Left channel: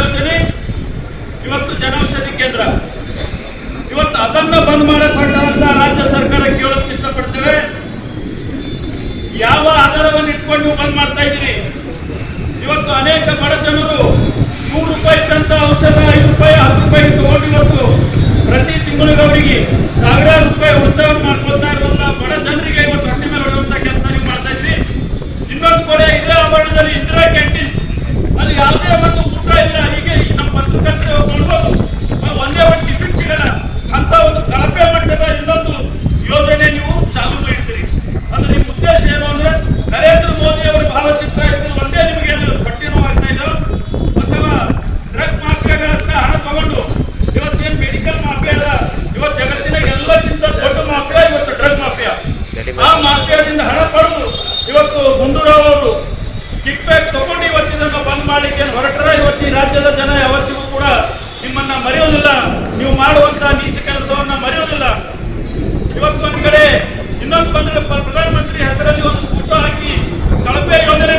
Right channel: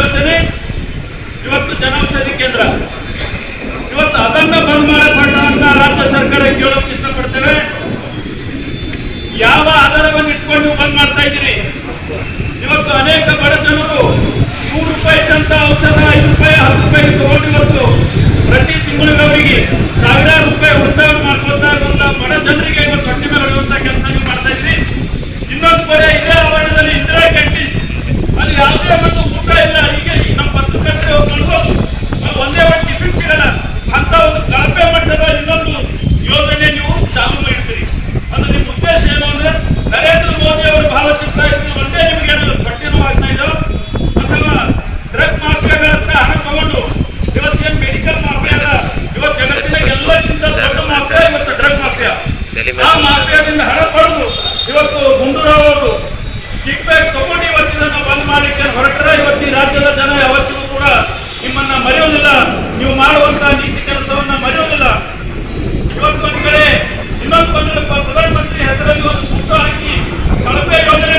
ಯೋಜನೆ, ಇವತ್ತು ಜನೌಷಧಿ ಕೇಂದ್ರ. ಇವತ್ತು ಅದನ್ನ ಬಂದ್ ಮಾಡಕ್ ಅಂತ ರಾಜ್ಯ ಸರ್ಕಾರ ಕೇಳೋಕೆ ಇಷ್ಟಪಡ್ತೇವೆ. ಯಾವ ಆಧಾರವನ್ನು ಇಟ್ಕೊಂಡು ನೀವು ಬಂದ್ ಮಾಡ್ತಾ ಇದ್ದೀರಿ? ಇವತ್ತು ಅನೇಕ ಬಡ ಜನರು ₹100 ಇದ್ದಂತ ಔಷಧ ₹5, ₹10 ತಗೊಂಡು ಇವತ್ತು ಪ್ರತಿ ತಿಂಗಳಿಗೆ ಅವರಿಗೆ ಸಾವಿರಾರು ರೂಪಾಯಿ ಉಳಿತಾಯ ಮಾಡ್ಕೊಳ್ತಾ ಇರುವಂತ ಬಡ ಜನರಿಗೆ ಇವತ್ತು ಹೊಟ್ಟೆ ಮೇಲೆ ಹೊಡೆಯುವಂತ ಕೆಲಸ ನೀವು ಮಾಡ್ತಾ ಇದ್ರಿ. ಇನ್ನೊಂದು ಕಡೆ ಇದೇ ಆವರಣದಲ್ಲಿ ಇಂದಿರಾ ಕ್ಯಾಂಟೀನ್, ಅಲ್ಲಿ ಯಾವುದೇ ಒಂದು ಊಟ ಇಲ್ಲ. ಹೀಗೆ ನಮ್ಮ ಪತ್ರಕರ್ತೆ ನೋಡ್ಬೋದು, ಅಲ್ಲಿ ಒಂದೇ ಒಂದು ಟಿಫಿನ್ ಸಿಗಲ್ಲ ಅಂತ ಒಂದು ಕಳಪೆ ಮಟ್ಟದ ಇನ್ನೊಂದು ಯೋಜನೆ ನೀವು ಚಾಲೂ ಮಾಡಿದ್ದೀರಿ. ಅದು ನಿಮ್ಮ ಉದ್ದೇಶ ಏನು ಅಂದ್ರೆ ನರೇಂದ್ರ ಮೋದಿ ಅವರ ಭಾವಚಿತ್ರ ಇದ್ದು ಒಂದೇ ನಿಮಗೆ ಪಟ್ಟಿನೂ ಆಗ್ತಾ ಇದ್ದಾವೆ, ಅಥವಾ ಡ್ರಗ್ ಮಾಫಿಯಾದ ಹಣ ತಗೊಂಡು ಇವತ್ತೇನು ಮೆಡಿಕಲ್ ಮಾಫಿಯಾ ಅಲ್ಲ, ಇವತ್ತು ಜಗತ್ತಿನ ಎಲ್ಲಕ್ಕಿಂತ ದೊಡ್ಡ ಮಾಫಿಯಾ ಇವತ್ತು ಡ್ರಗ್ ಮಾಫಿಯಾ. ಆ ಮಾಫಿಯಾದಿಂದ ಹಣ ಪಡೆದು ಇವತ್ತು ಗುಂಡೂರಾವ್ ಅವರು ಕಿಕ್ ಬ್ಯಾಕ್ ತಗೊಂಡು ಇವತ್ತಿನ ಬಂದ್ ಮಾಡಲಿಕ್ಕೆ ಹೊರಟರೆ ಇವತ್ತು ಈ ರಾಜ್ಯದ ಜನ ಯಾವತ್ತಿಗೂ ಕೂಡ ನಿಮ್ಮನ್ನ ಮರೆಯೋದಿಲ್ಲ, ನೀವು ಮಾಡುವಂತಹ ನೀಚ ಕೆಲಸವನ್ನ ಮರೆಯೋದಿಲ್ಲ. ಇವತ್ತು ಒಂದು ಕಡೆ ಇನ್ನೊಂದು ಬಂದ್ರೆ ಪ್ರಧಾನಮಂತ್ರಿ ಹೆಸರಲ್ಲಿ ಒಂದು ಫೋಟೋ ಹಾಕಿ ಕಳಪೆ ಯೋಜನೆ